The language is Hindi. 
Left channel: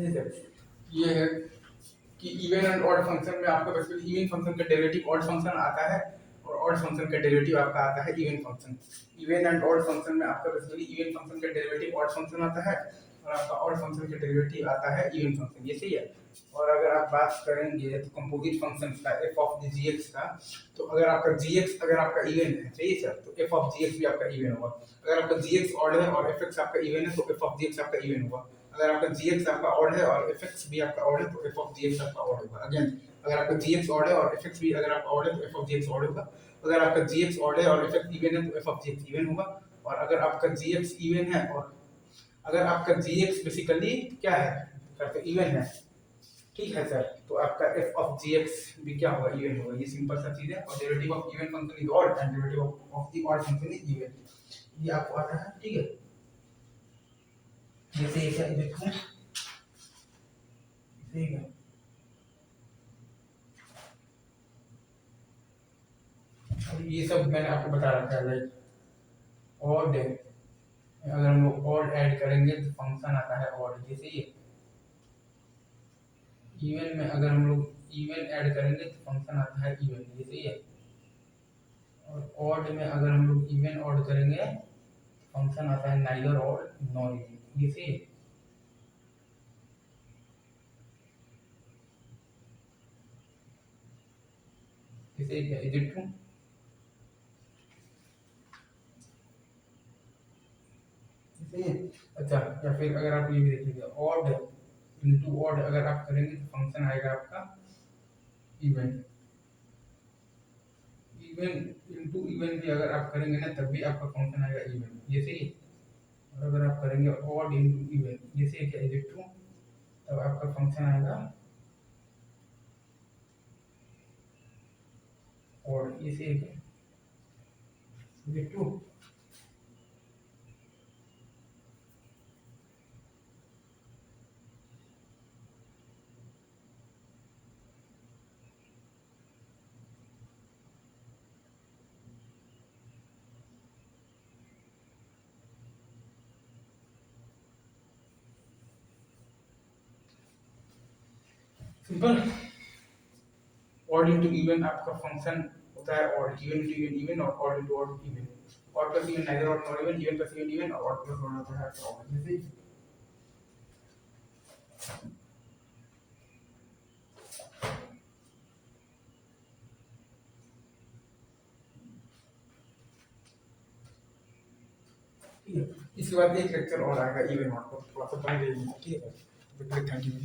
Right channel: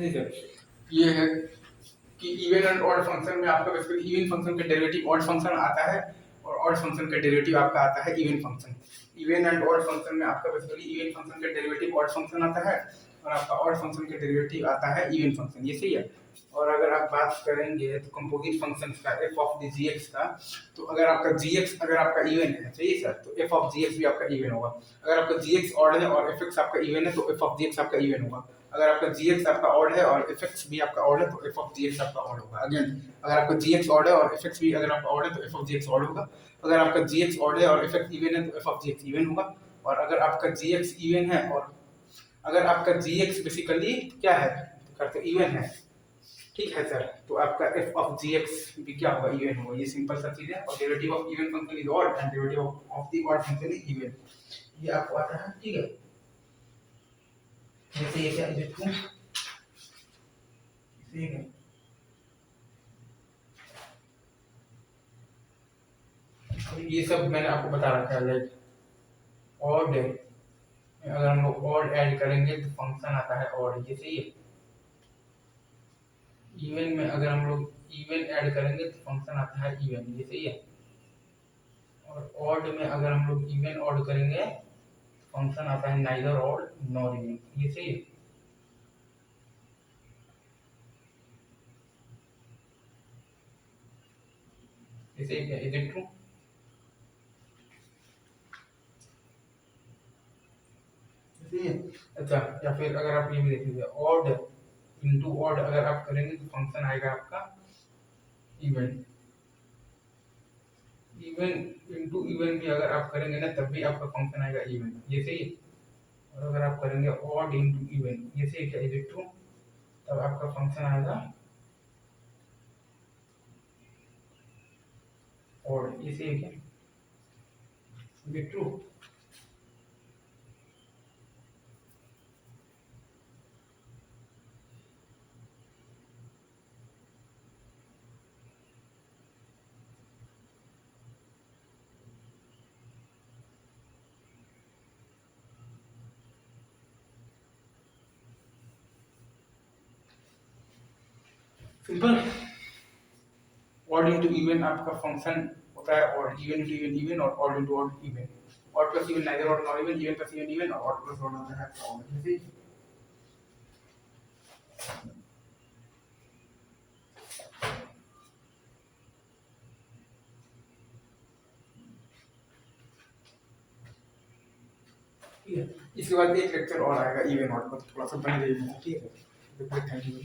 नहीं सर, ये है कि इवन एंड ऑड फंक्शन में आपका बेसिकली इवन फंक्शन का डेरिवेटिव ऑड फंक्शन आता है और ऑड फंक्शन का डेरिवेटिव आपका आता है even function. Even and odd function में आपका बेसिकली इवन फंक्शन का डेरिवेटिव ऑड फंक्शन आता है और आपका ऑड फंक्शन का डेरिवेटिव आता है इवन फंक्शन, ये सही है। और अगर आप बात करेंगे तो कंपोजिट फंक्शन का एफ ऑफ द जीएक्स का, तो अगर आपका जीएक्स अगर आपका इवन है, सही है सर, तो एफ ऑफ जीएक्स भी आपका इवन होगा। अगर आपका जीएक्स ऑड है और एफ एक्स आपका इवन है तो एफ ऑफ जीएक्स आपका इवन होगा। अगर आपका जीएक्स आपका ऑड है और एफ एक्स भी आपका ऑड है तो एफ ऑफ जीएक्स आपका ऑड होगा। अगेन अगर आपका जीएक्स ऑड है और एफ एक्स भी अगर आपका ऑड है तो एफ ऑफ जीएक्स ऑड होगा। अगर आपका जीएक्स ऑड है और एफ एक्स इवन है तो एफ ऑफ जीएक्स इवन होगा। और अगर आपका जीएक्स इवन है और अगर आपका जीएक्स बेसिकली क्या है, करते इवन है, ठीक है सर, तो आपका एफ ऑफ जीएक्स भी क्या होगा, इवन होगा। ये सिंपल सा चीज है। और derivative of even function is odd and derivative of the odd function is even, ये आपको आता है, ठीक है। जैसे ये क्या लिखूं, ठीक है, ये सब मैंने आपको बता रखा है। लाइक ऑड है, अगर हम लोग ऑड ऐड करेंगे तो फंक्शन आता है ऑड, ये सही है। इवन में अगर हम लोग इवन ऐड करेंगे तो फंक्शन आता है इवन, ये सही है। और ऑड में अगर हम लोग इवन ऑड करेंगे फंक्शन आता है नाइदर ऑड नॉर इवन, ये सही है। इसे क्या इज इट ट्रू? सही है। अच्छा, या फिर अगर आप ये भी देख लीजिए, ऑड इनटू ऑड अगर आप करेंगे तो फंक्शन आएगा आपका इवन। इवन इनटू इवन भी अगर आप करेंगे ना तब भी आपका फंक्शन आएगा इवन, ये सही है। और अगर आप करेंगे ऑड इनटू इवन, ये सही क्या इज इट ट्रू, तब आपका फंक्शन आएगा ऑड, ये सही क्या is it true. Simple. Odd into even आपका फंक्शन होता है odd, even into even even और odd into odd even. Odd plus even neither odd nor even, even plus even even और ऑड प्लस ऑड होता है ऑड, जैसे ठीक है। इसके बाद एक लेक्चर और आएगा इवन ऑड पर, थोड़ा सा बन रही है, ठीक है। Thank you.